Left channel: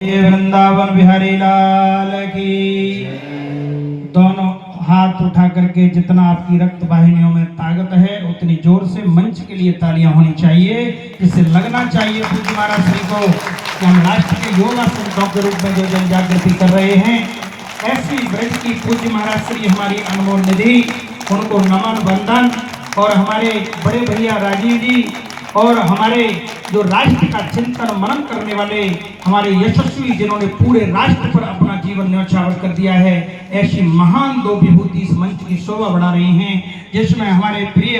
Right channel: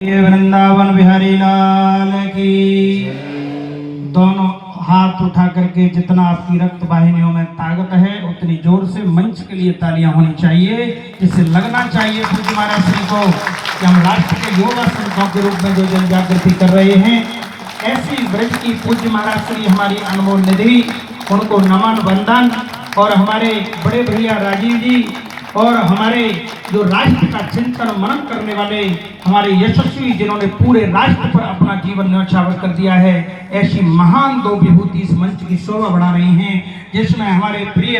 ये वृंदावन बिहारी लाल की। दोनों हाथ उठा करके जितना आपकी रक्त वाहिनियों में ताकत है उतनी जोर से मंच के लिए तालियां होनी चाहिए, जिससे लगना चाहिए पूज्य महाराज श्री को कि हम राष्ट्र के युवा संतों के रूप में जो जन जागृति कर रहे हैं। ऐसी ब्रज की पूज्य महाराज श्री हमारी अनमोल निधि, उनको नमन वंदन। और हमारे बड़े भैया राजीव जी और हमारे जो राष्ट्र का चिंतन मनन करने वाले हमारे यशस्वी, जिन्होंने पूरे राष्ट्र पर अपना जीवन न्यौछावर कर दिया है, ऐसी महान दो विभूति इस मंच की शोभा बढ़ा रही हैं, जिसमें हमारे प्रिय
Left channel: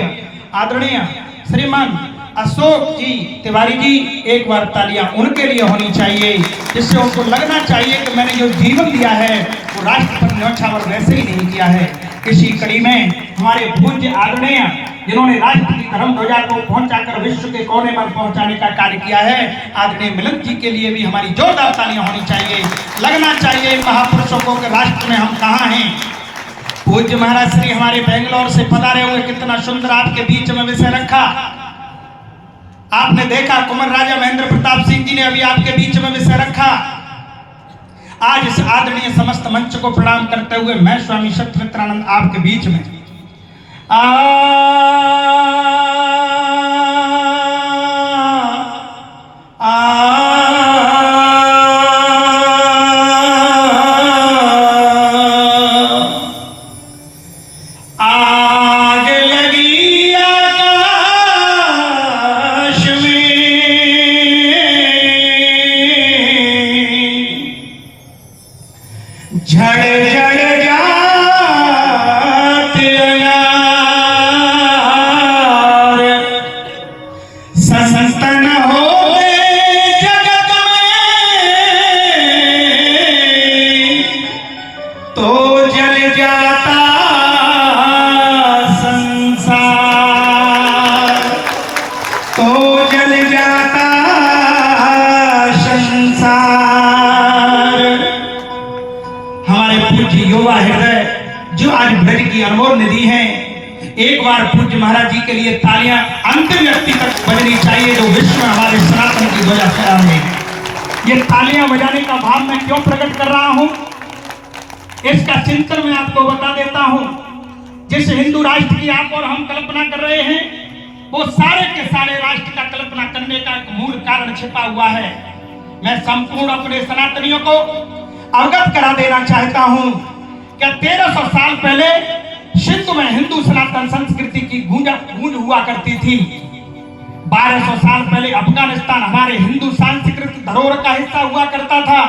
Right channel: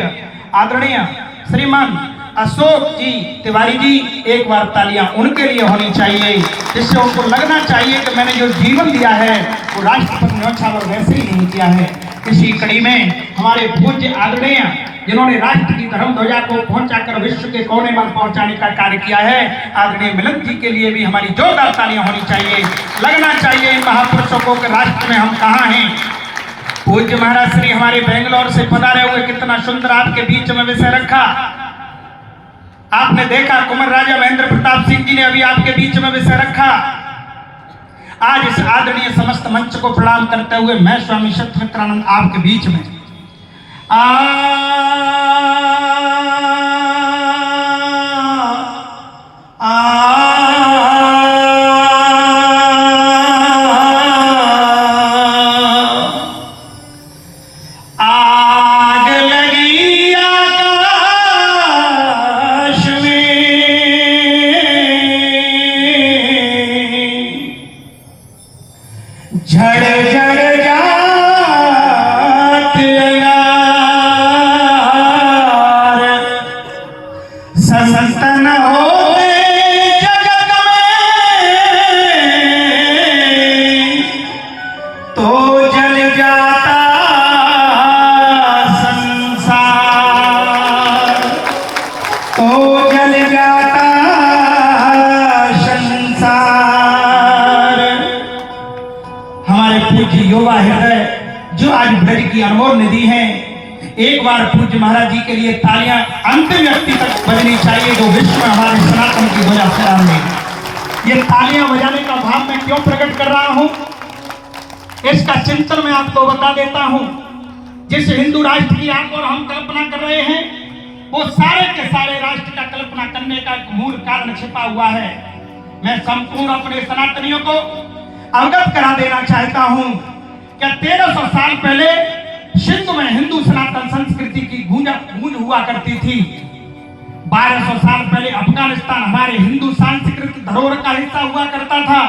आदरणीय श्रीमान अशोक जी तिवारी जी, एक बार तालियां उनके लिए होनी चाहिए, जिससे उनको लगना चाहिए कि मैंने जो जीवन दिया है वो राष्ट्र पर न्यौछावर वैसे ही नहीं किया है। इसी कड़ी में हमारे पूज्य आदरणीय, जिन्होंने राष्ट्र की धर्म ध्वजा को पहुंचाकर विश्व के कोने पर पहुंचाने का कार्य किया है, आदरणीय मिलन जी के लिए भी हमारी जोरदार तालियां होनी चाहिए। लगना चाहिए महापुरुषों को कि राष्ट्र में हम कहाँ हैं। पूज्य महाराज श्री हमारे बेंगलोर से पधारे हुए, कितना सुंदर आपके बीच में विषय रखा। आपने देखा कुंवर राजा महेंद्र प्रताप सिंह जी ने अभी आपके बीच में विषय रखा। आज इस आदरणीय समस्त मंच को प्रणाम करते हुए मैं स्वामी सत्यमित्रानंद आपके बीच में अनमोल निधि है। एक बार पूज्य महाराज जी के लिए तालियां अंतिम व्यक्ति तक बजनी चाहिए जो विश्व में हमारे सनातन की ध्वजा फहरा रहे। ये तालियां बजाने का भाव मैं क्यों प्रकट कर रहा हूं, इसका चिंतन मैं आपको बता देता हूं। जिस हिंदू राष्ट्र की आप और हम कल्पना कर रहे हैं, वो सारे के सारे राष्ट्र का कल्पना करने का एक मूल कारण छिपा हुआ है। मैं संपूर्ण अपने सनातनियों को अवगत करा देना चाहता हूं कि 1300 साल पहले सिंधु में हिंदू सनातन संस्कृति की गूंज हुआ करती थी। 1200 साल पहले अफगानिस्तान हमारे हिंदू सांस्कृतिक धरोहर का हिस्सा हुआ करता था।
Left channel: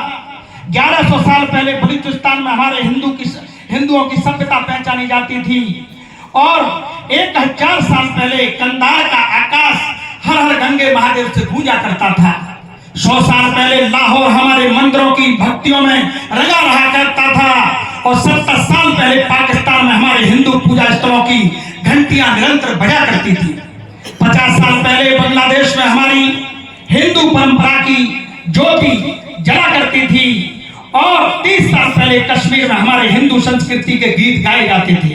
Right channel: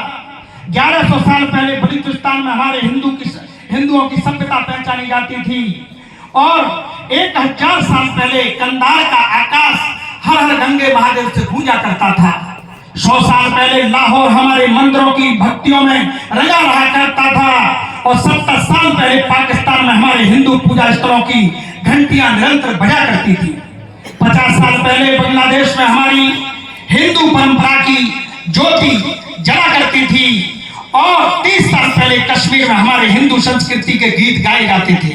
1100 साल पहले बलूचिस्तान में हमारे हिंदुओं की सभ्यता पहचानी जाती थी। और 1000 साल पहले कंधार का आकाश हर हर गंगे महादेव से गूंजा करता था। 100 साल पहले लाहौर हमारे मंदिरों की भक्तियों में रंगा रहा करता था। और 70 साल पहले पाकिस्तान में हमारे हिंदू पूजा स्थलों की घंटियां निरंतर बजा करती थी। 50 साल पहले बांग्लादेश में हमारी हिंदू परंपरा की ज्योति जला करती थी। और 30 साल पहले कश्मीर में हमारे हिंदू संस्कृति के गीत गाए जाते थे।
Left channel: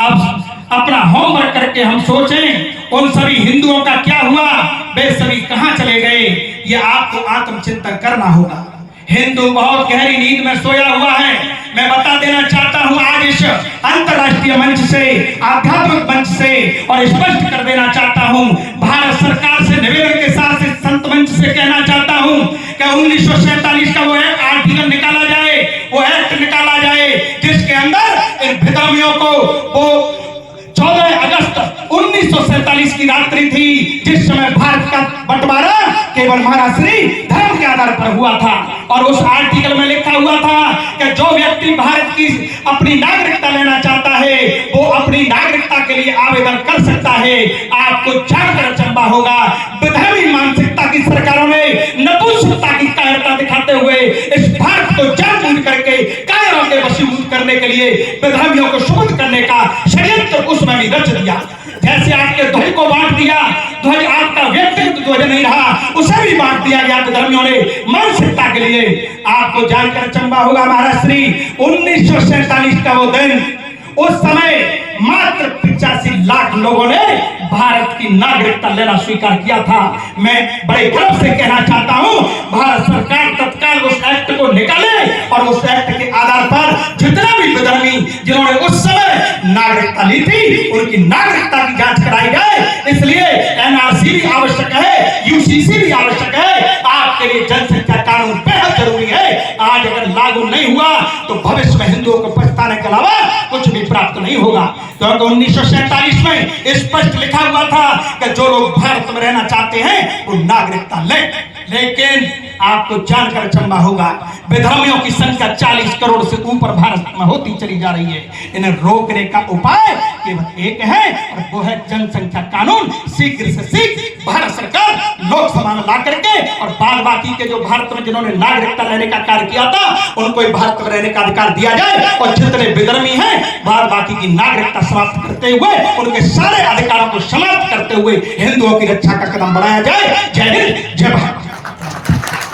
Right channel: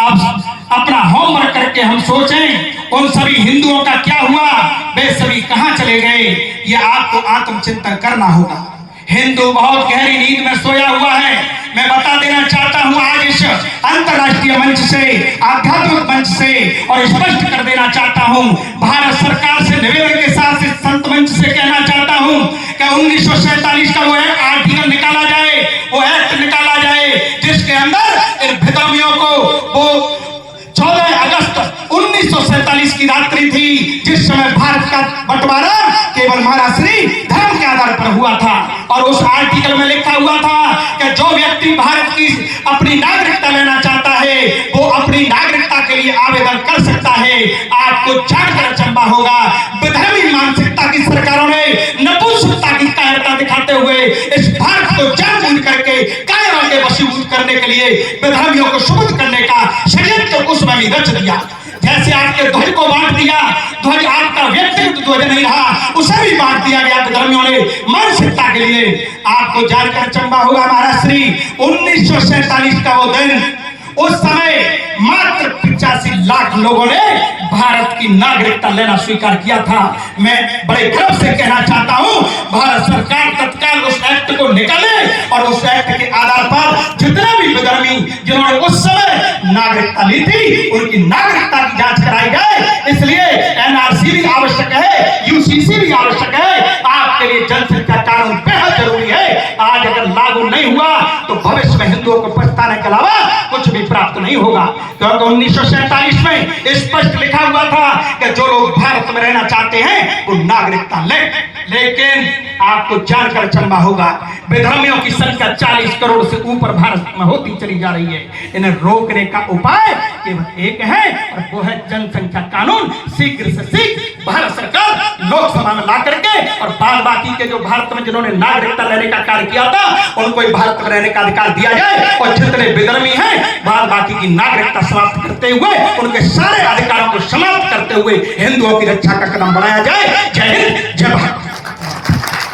अब अपना होमवर्क करके हम सोचें उन सभी हिंदुओं का क्या हुआ, वे सभी कहां चले गए, ये आपको आत्मचिंतन करना होगा। हिंदू बहुत गहरी नींद में सोया हुआ है। मैं बता देना चाहता हूं आज इस अंतरराष्ट्रीय मंच से, आध्यात्मिक मंच से, और स्पष्ट कर देना चाहता हूं, भारत सरकार से निवेदन के साथ इस संत मंच से कहना चाहता हूं कि 1947 का वो आर्टिकल निकाला जाए, वो एक्ट निकाला जाए, जिसके अंदर इन बेदर्मियों को वो 14 अगस्त 1947 की रात्रि थी, जिस समय भारत का बंटवारा केवल महाराज श्री धर्म के आधार पर हुआ था। और उस आर्टिकल में लिखा हुआ था कि जो व्यक्ति भारत की अपनी नागरिकता लेना चाहता है वो अपनी नागरिकता के लिए आवेदन कर सकता है। आपको जानकर अचंभा होगा, विधर्मी मानसिकता की सरकारों ने नपुंसकता की कायरता दिखाते हुए इस भारत को जानबूझ करके कायरों के वशीभूत करने के लिए विधर्मियों को शुद्ध करने का षड्यंत्र उसमें भी रच दिया। जैसे आपके ध्वज को बांट दिया, ध्वज आपका व्यक्तिगत ध्वज नहीं रहा, उसे भी बांट दिया गया विधर्मियों ने मानसिकता के लिए। आपको जानकर अचंभा होगा, महाराज श्री 1947 का वो दिन, उस समय मात्र 85 लाख लोगों ने भारत की की नागरिकता लेना स्वीकार किया था। मैं बड़े गर्व से कहना चाहता हूं, भारत सरकार तत्काल उस एक्ट को निकाले और उस एक्ट के आधार पर जितने भी विधर्मी जिन्होंने उस समय नागरिकता ली थी उनकी नागरिकता की जांच कराई जाए। इसलिए एनआरसी भी आवश्यक है, यूसीसी भी आवश्यक है। आपके लिए जनसंख्या कानून बेहद जरूरी है। आज अगर लागू नहीं हुआ तो भविष्य में हिंदुओं को पछताने के अलावा कुछ भी प्राप्त नहीं होगा। क्योंकि 1947 में स्पष्ट लिखा हुआ था कि जो लोग भारत में रहना चाहते हैं वो नागरिकता ले। लेकिन आपको जानकर अचंभा होगा, विधर्मियों की संख्या 40 करोड़ से ऊपर भारत में होती चली जा रही है। इन्हें रोकने का उपाय केवल एक है और वो है जनसंख्या कानून। शीघ्र से शीघ्र भारत सरकार लोकसभा में ला करके और बाद बाकी के जो भारत में जिन्होंने नागरिकता लेने का कार्य किया था उनको ही भारत में रहने का अधिकार दिया जाए और जितने विधर्मी हैं बाद बाकी की नागरिकता समाप्त करते हुए उनके सारे अधिकारों को समाप्त करते हुए हिंदुओं की रक्षा का कदम बढ़ाया जाए। जय हिंद, जय भारत।